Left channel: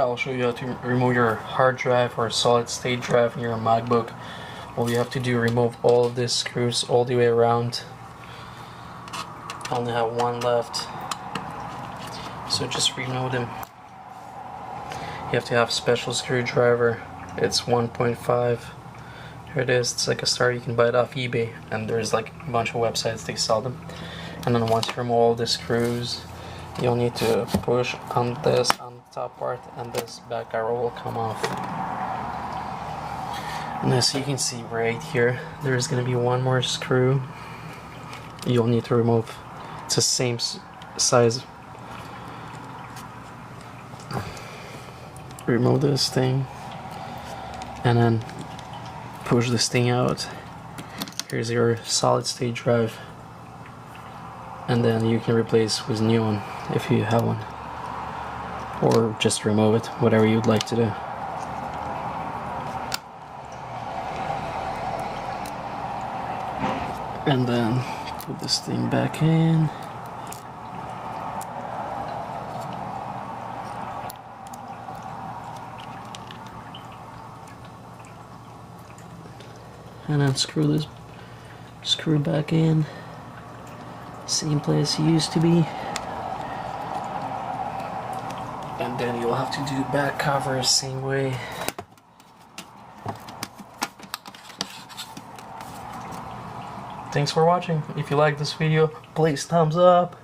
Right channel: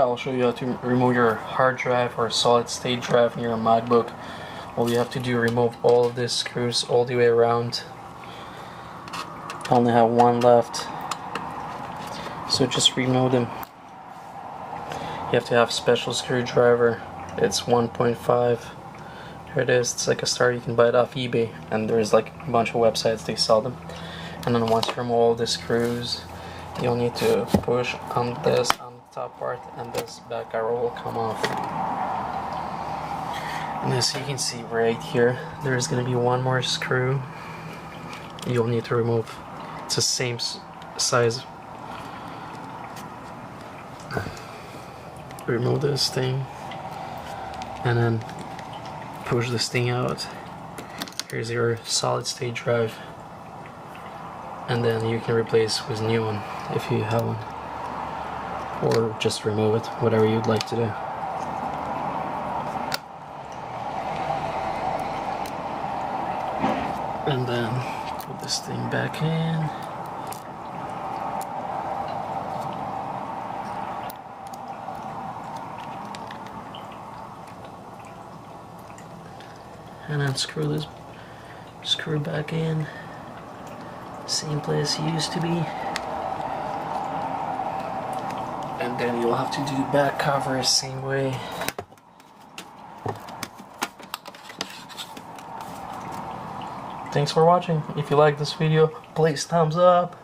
I'll show you how to remove your hard drive or solid state drive in your Macbook. All you have to do is remove all of these screws all the way around. I only have one left, so just remove them. You have to have a special screwdriver. It's 1.5. Here it is. It's like a star. You can buy it off eBay, and there's like a bunch of websites they sell them. And then once you remove all the screws, you'll need to push on this on the top part, and this back arrow will come off. And as you can see right here, there's going to be one more screw you'll need to remove. It's the same size. Remove this thing and then push this thing out. Here's your solid state drive, and then you can replace with a new one if you have one, or just remove it, whatever you'd like to do. And then put this thing back in. And then screw back in, same place it used to be. And then you'll have to do the back cover same way. Thanks for watching. If you like this video, please thumbs up.